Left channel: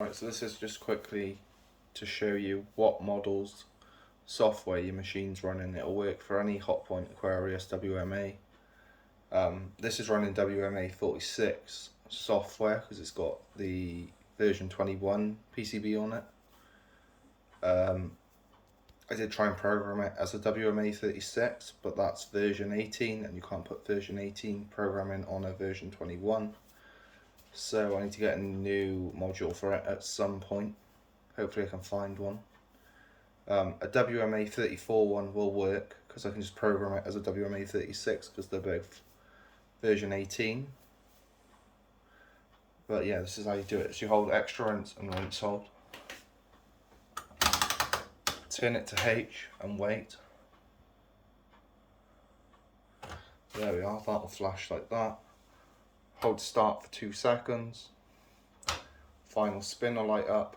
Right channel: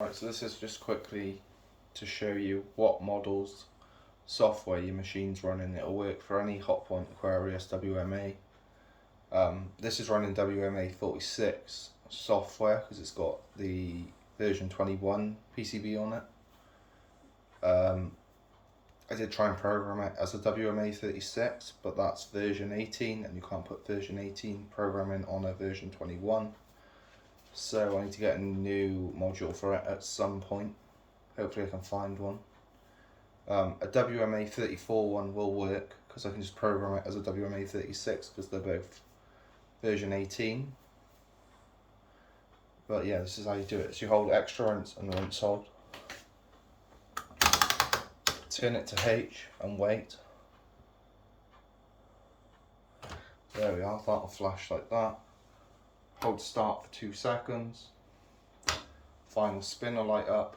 Right, so this is just quickly to show you what models software your machine's running. It'll work for any hotpoint, aquarius, WMA. This is running WMA 46 software because it's got the version 21 PCB on it. I did try and program it as a WMA 36, but that's version 18 and you can't put version 18 programming on a version 21. So I need to get a new module for it at some point. Hopefully I can find one. A WMA 34 one will work because I can just program it as a WMA 36 because they're both version 18. But yeah, this is how you do it. So you hold extra rinse and rinse hold. Turn it to H and wait. There we are, that'll flash like that. Hold start for 2 seconds. Final spin will light up.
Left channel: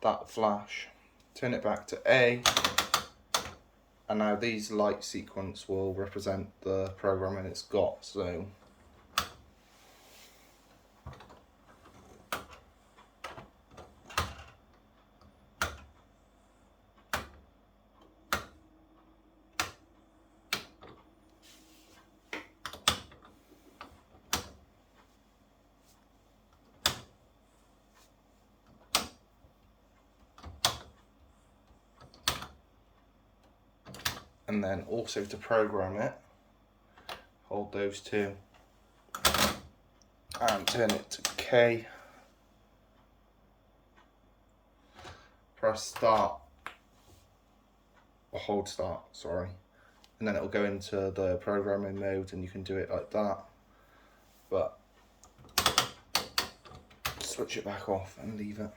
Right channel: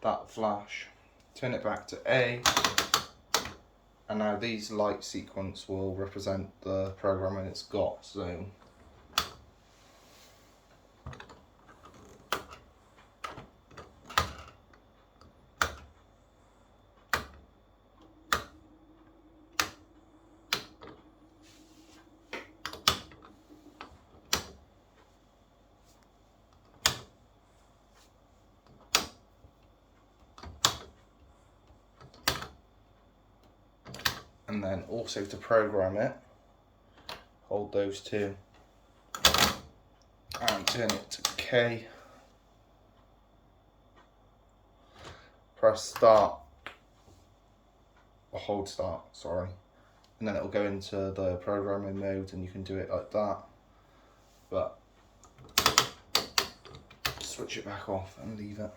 That'll flash. Turn it back to A. And now these light sequence will represent the programming it's got. So and then also to program it, hold those two and turn it to K, press start, or hold start, sorry, and then it'll go into the programming mode and you can do it like that. But switch it back off and leave it.